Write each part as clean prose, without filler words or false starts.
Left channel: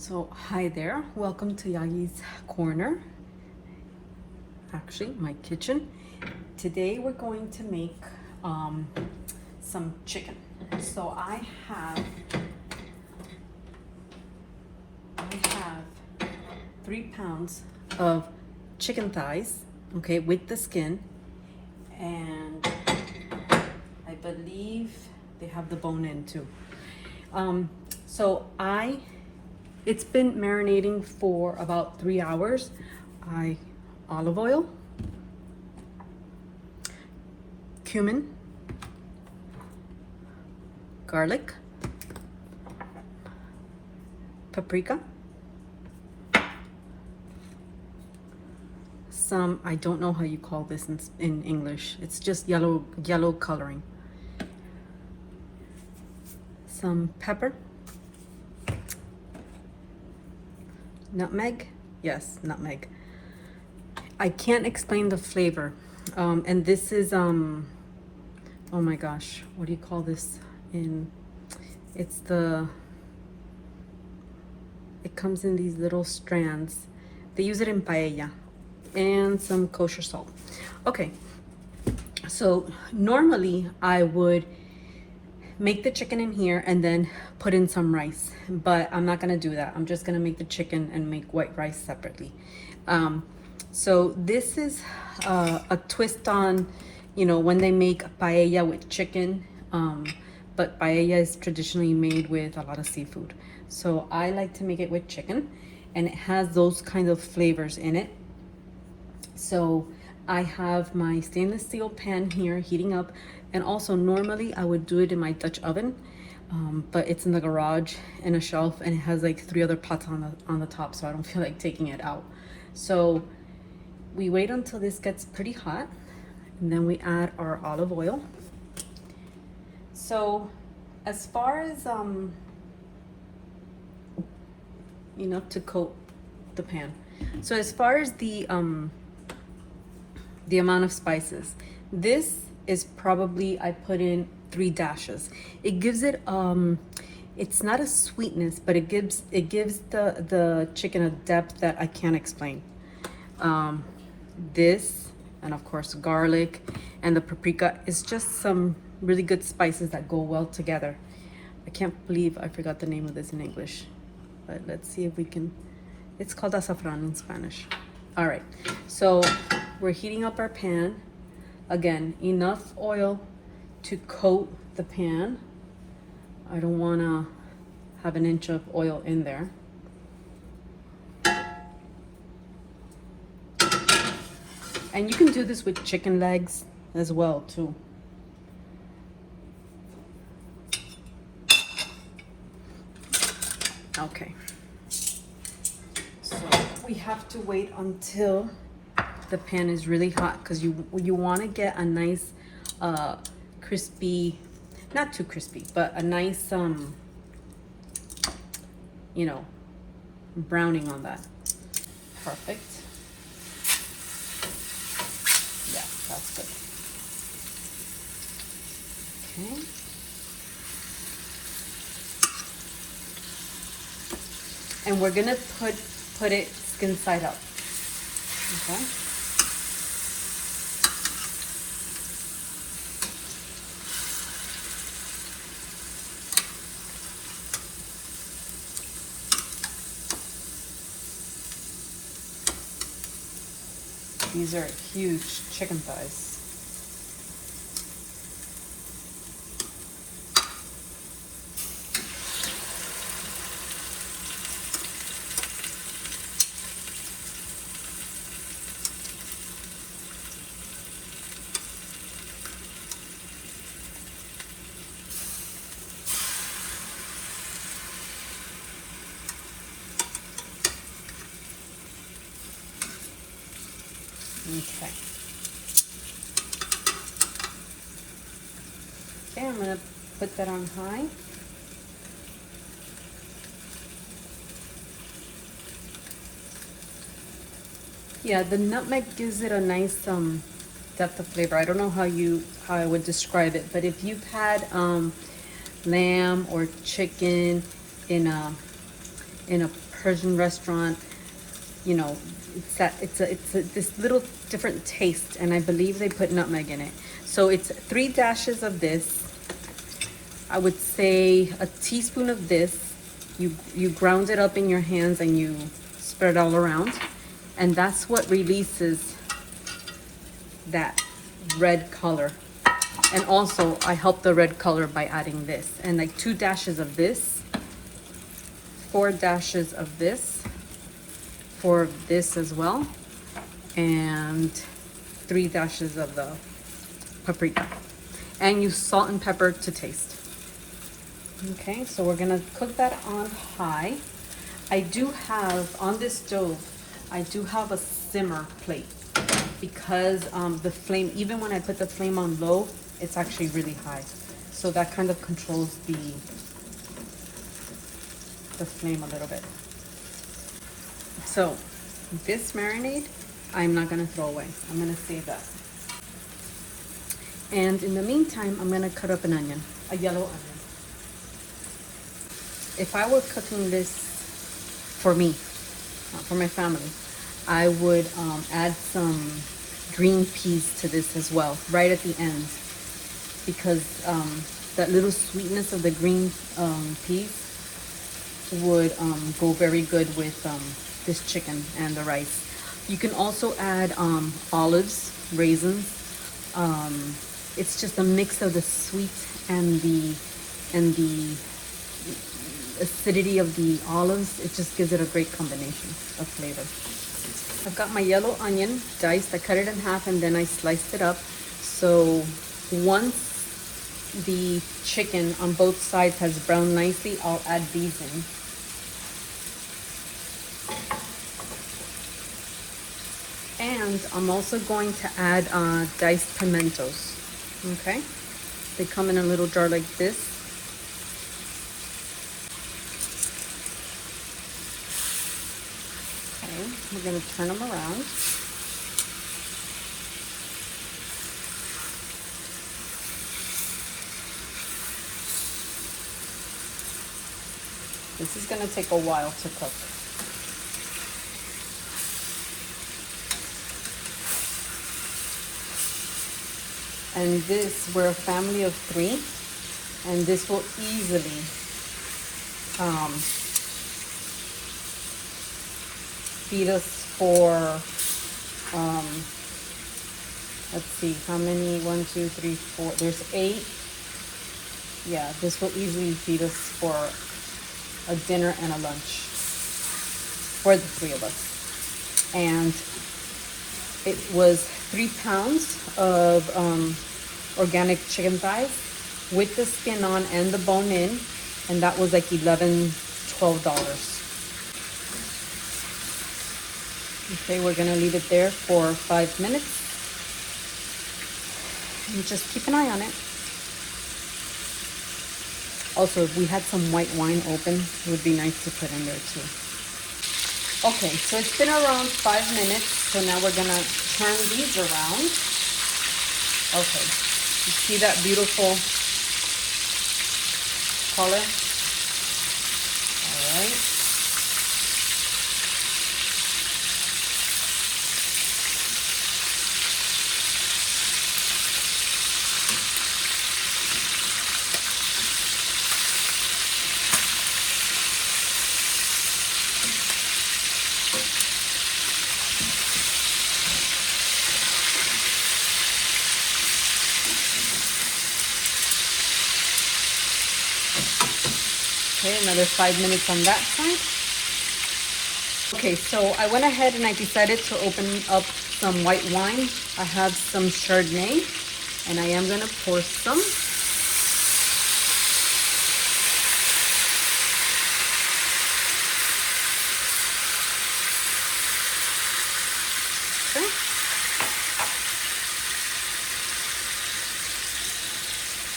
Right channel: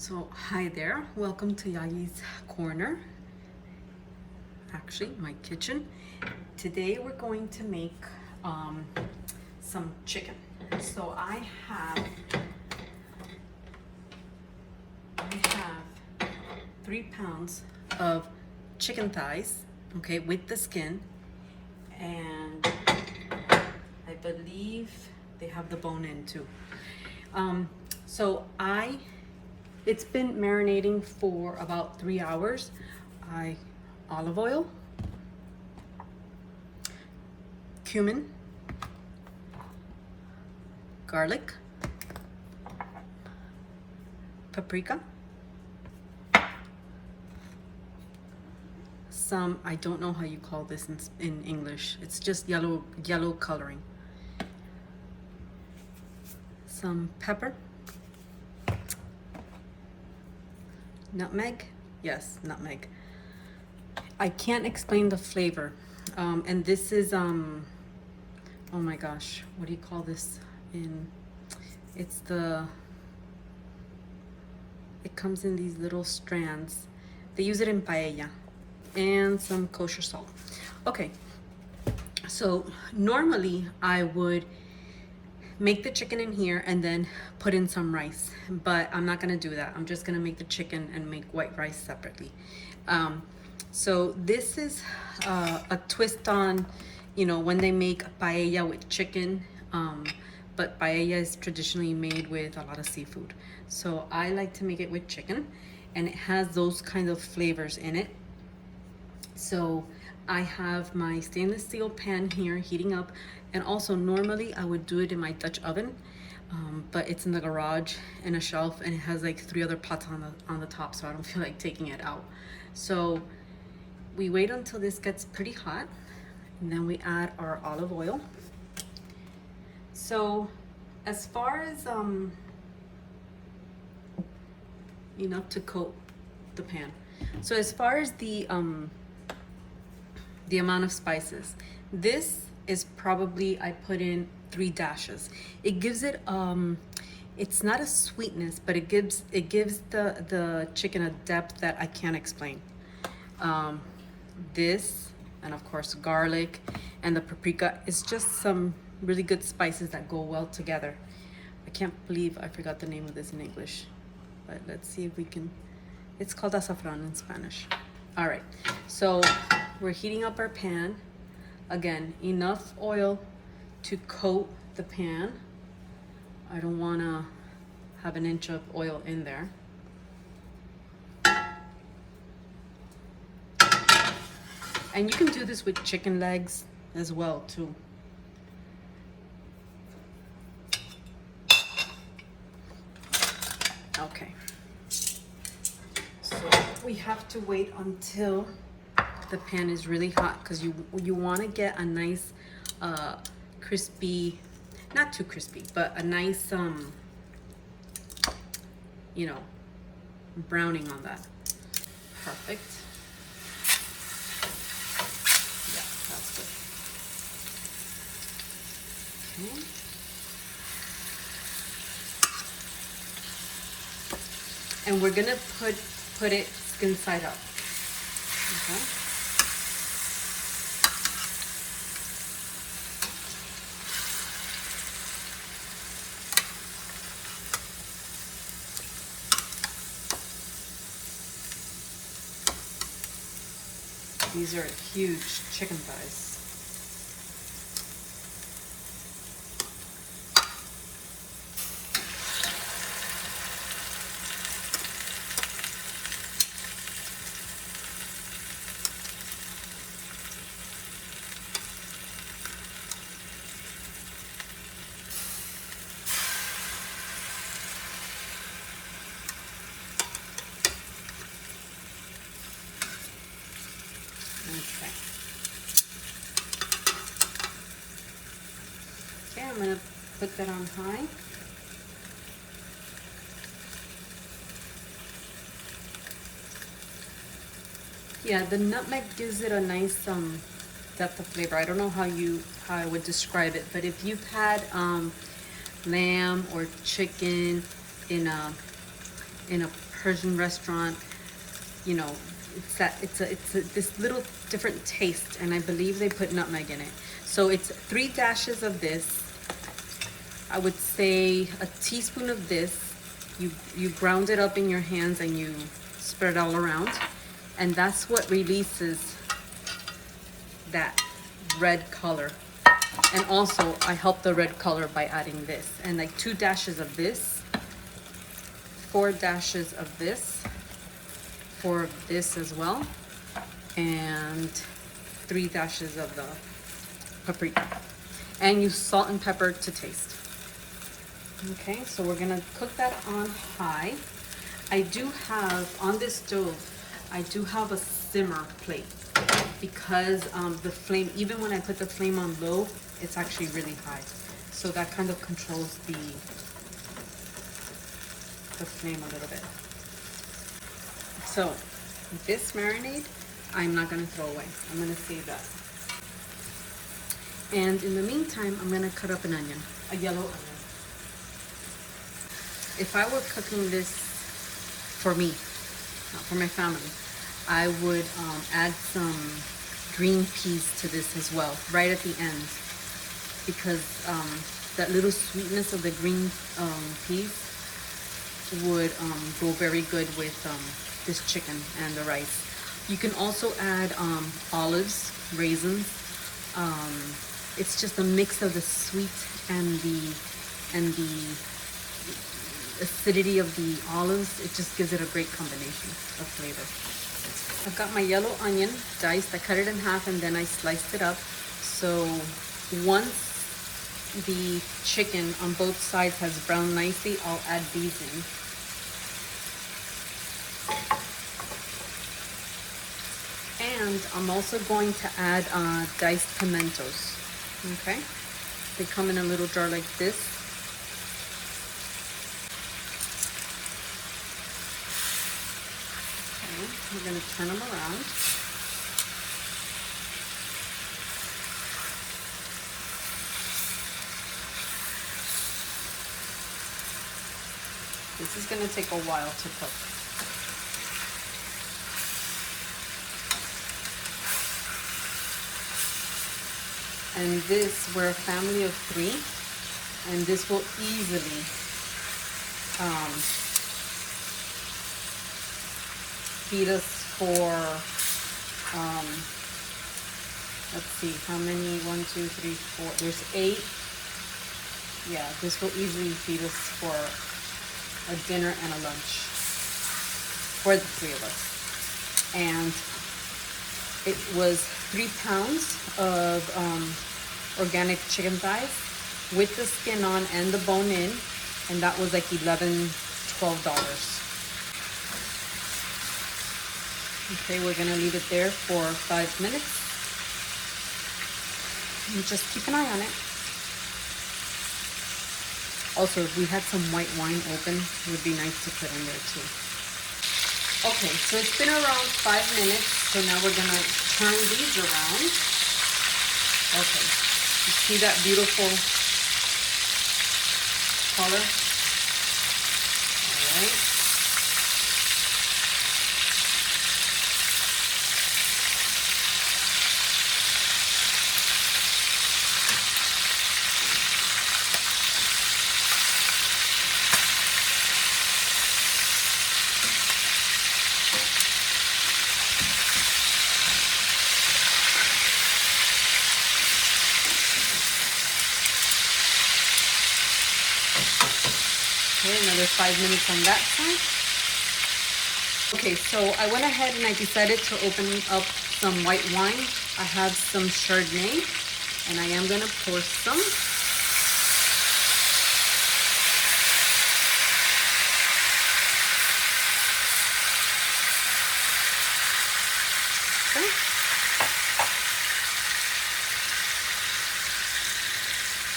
So hi there, welcome to Yagi's Corner, actually my kitchen. Today we're going to make some chicken. So I have 3 pounds of chicken thighs, okay, with the skin, and I believe they have the bone in too. It's been marinating for about 3 hours. Olive oil, cumin, garlic, paprika, some, I don't know how you call this in English. It's just yellow coloring. Some pepper. Nutmeg? Yes, nutmeg. I can't explain the flavor. And this is, oh my gosh, what do you call this? It comes in these little strands. They use it in paella. And some kosher salt. Okay, so normally I would make the chicken in here and then put in some rice, but I'm not gonna do that. I'm just gonna make the chicken and make white rice separately. So this is a twist on, when they make paella with chicken, but paella is traditionally made with a lot of seafood. So I like to make it with chicken, and it has those kinds of flavors in it. So I have my stainless steel pan here heating up, and also normally I would do it in my Dutch oven, but it's in the garage in a shelf, and it has like 3 other pots on the top, so I don't feel like taking it out. So we wait until this gets pretty hot, and then we add our olive oil. So as far as enough to coat the pan. So as far as the amount of spices, this is probably, I put in 3 dashes. It gives it it's not a sweetness, but it gives the chicken a depth that I can't explain. This, and of course garlic, and the paprika is just some really good spices that go well together. I can't believe I forgot the name of this in English, but let's see if we can. It's called azafran in Spanish. All right, so we're heating up our pan. Again, enough oil to coat the pan. I don't want to have an inch of oil in there. And you can do this with chicken legs as well too. Okay. So we have to wait until the pan is really hot, because you want to get a nice crispy, not too crispy, but a nice browning on that. Perfect. Yeah, that's good. Okay. And we're gonna put it skin side up. Okay. These are huge chicken thighs. Okay. Okay, I'm going to put that on high. Yeah, the nutmeg gives it a nice depth of flavor. I don't know how I would describe it, but if you've had lamb or chicken in a Persian restaurant, you know, this little different taste, and I believe they put nutmeg in it. So it's 3 dashes of this. I would say a teaspoon of this. You ground it up in your hands and you spread it all around, and that's what releases that red color. And also I help the red color by adding this, and like 2 dashes of this, 4 dashes of this, 4 of this as well, and 3 dashes of the paprika, and you salt and pepper to taste. Okay, so we're gonna cook that on high. I do have, on this stove, I do have a simmer plate because the flame, even when I put the flame on low, it's actually really high. So that kind of controls the flame a little bit. So this marinade, I'm not gonna throw away. I'm gonna save that. And in the meantime, I'm gonna cut up an onion, a yellow onion. If I were cooking this for me, for my family, I would add some green peas to this as well, right at the end, because that little sweetness of the green peas would go very good with this chicken and the rice. You can also add olives, raisins. It's just a mix of the sweet and the acidity of the olives. It just gives it a great combination of flavor. I've got my yellow onion diced. I cut it in half and then I sliced it up. So once the chicken on both sides has browned nicely, I'll add these in. And I'm also going to add diced pimentos. Okay, they come in a little jar like this. We're going to turn them around. This is going to take a while to cook. And this, we're a family of 3, and this will easily feed us for, let's see, how many? 1, 2, 3, 4, there's 8. Yeah, this will easily feed us for a dinner and a lunch for the 3 of us. And it was 3 pounds of organic chicken thighs with the skin on and the bone in, and that was like $11, $12. Okay, we're gonna leave it there for 5 minutes. And just keep an eye on it. Also, if we had some white wine open, it would be nice to put in there too. Okay, so it's been around 5 minutes, so now we're gonna turn these around. Okay, you see that beautiful color? All right. Okay, another 5 minutes on that side. Okay, so I went ahead and I decided to open up some white wine. I have some Chardonnay, and I am going to pour some. Okay.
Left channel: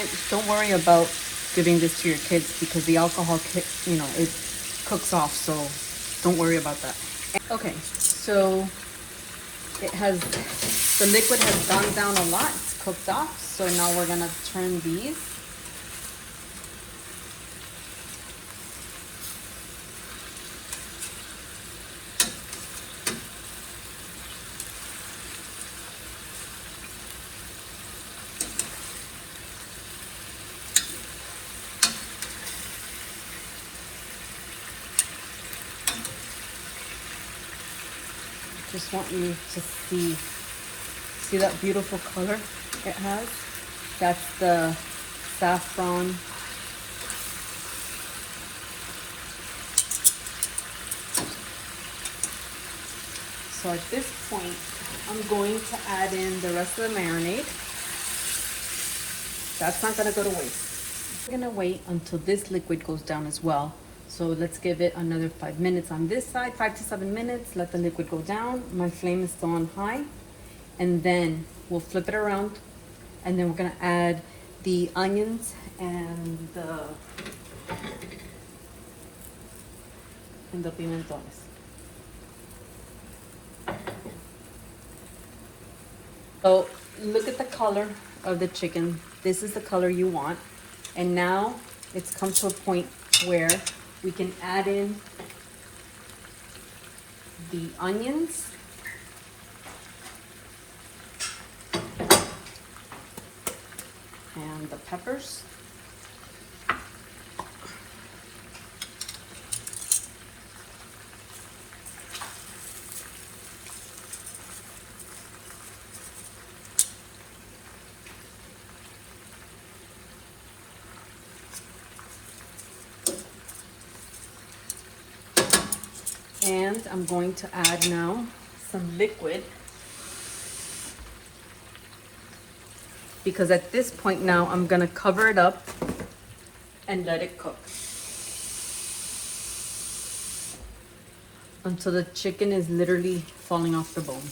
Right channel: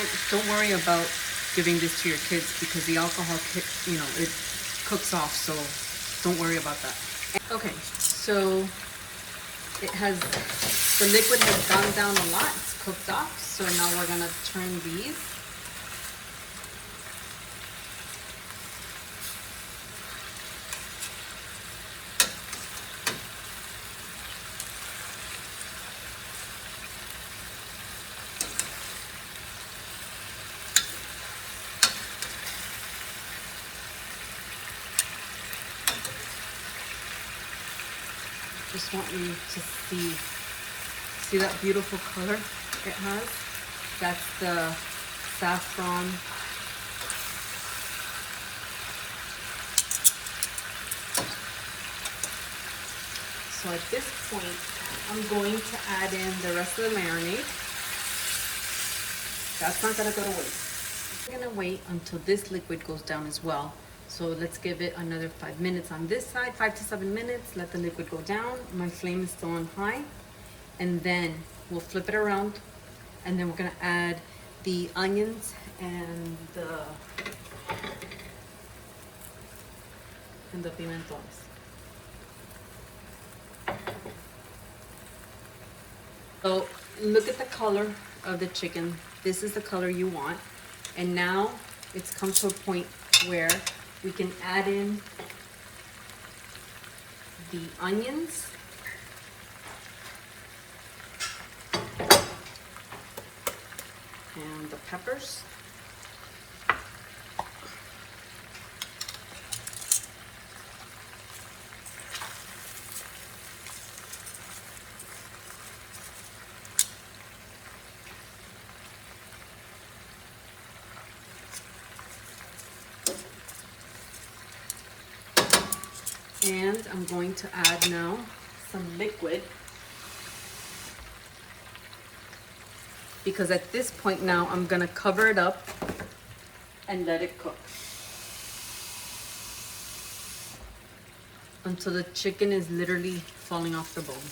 And don't worry about giving this to your kids because the alcohol, you know, it cooks off, so don't worry about that. Okay, so it has, the liquid has gone down a lot, it's cooked off, so now we're gonna turn these. Just want you to see that beautiful color it has? That's the saffron. So at this point, I'm going to add in the rest of the marinade. That's not gonna go to waste. We're gonna wait until this liquid goes down as well. So let's give it another 5 minutes on this side, 5 to 7 minutes. Let the liquid go down. My flame is still on high. And then we'll flip it around. And then we're gonna add the onions and the pimentones. So look at the color of the chicken. This is the color you want. And now it's come to a point where we can add in the onions and the peppers. And I'm going to add now some liquid, because at this point now I'm going to cover it up and let it cook until the chicken is literally falling off the bone.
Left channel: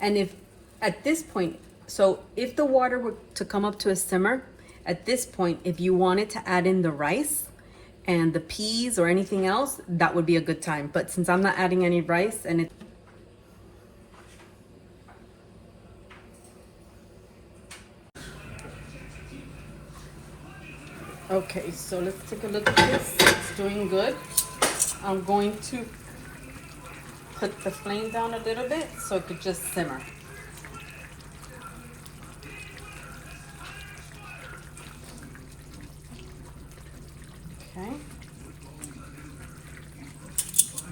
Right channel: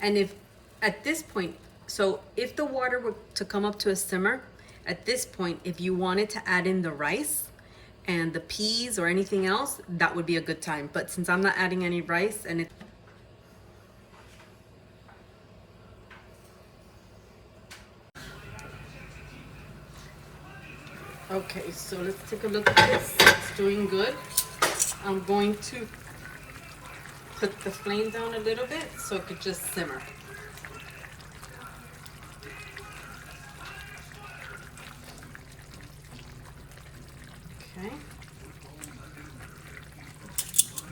And if at this point, so if the water were to come up to a simmer, at this point, if you wanted to add in the rice and the peas or anything else, that would be a good time. But since I'm not adding any rice and it okay, so let's take a look at this. It's doing good. I'm going to put the flame down a little bit so it could just simmer. Okay.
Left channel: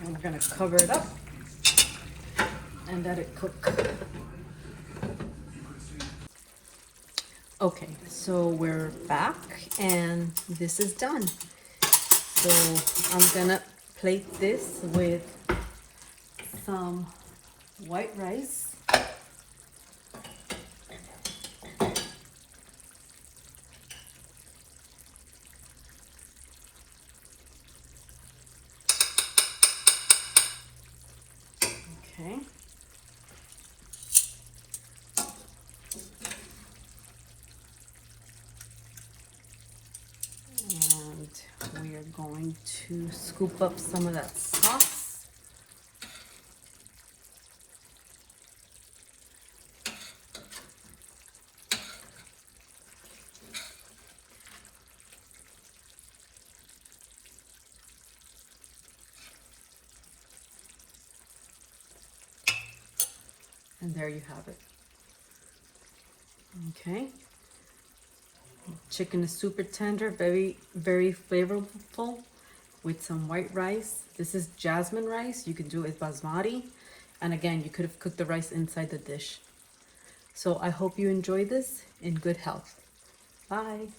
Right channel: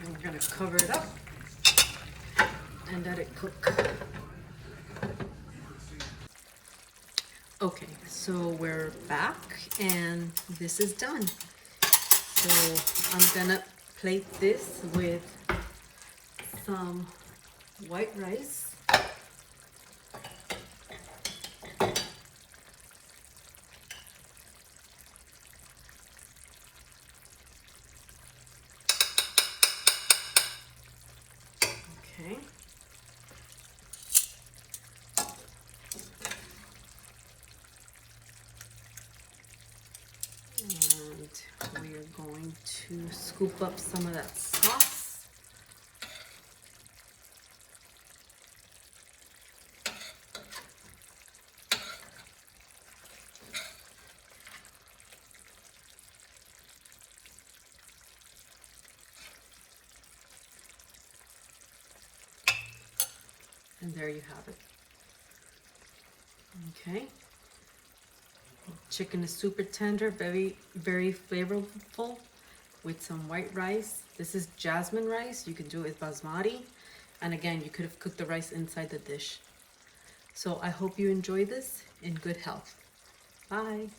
And we're gonna cover it up and let it cook. Okay, so we're back and this is done. So I'm gonna plate this with some white rice. Okay. And we are going to scoop up some of that sauce. And there you have it. Okay. Chicken is super tender, very, very flavorful with some white rice. This is jasmine rice. You can do it with basmati. And again, you could have cooked the rice inside the dish. So I hope you enjoy this in good health. Bye.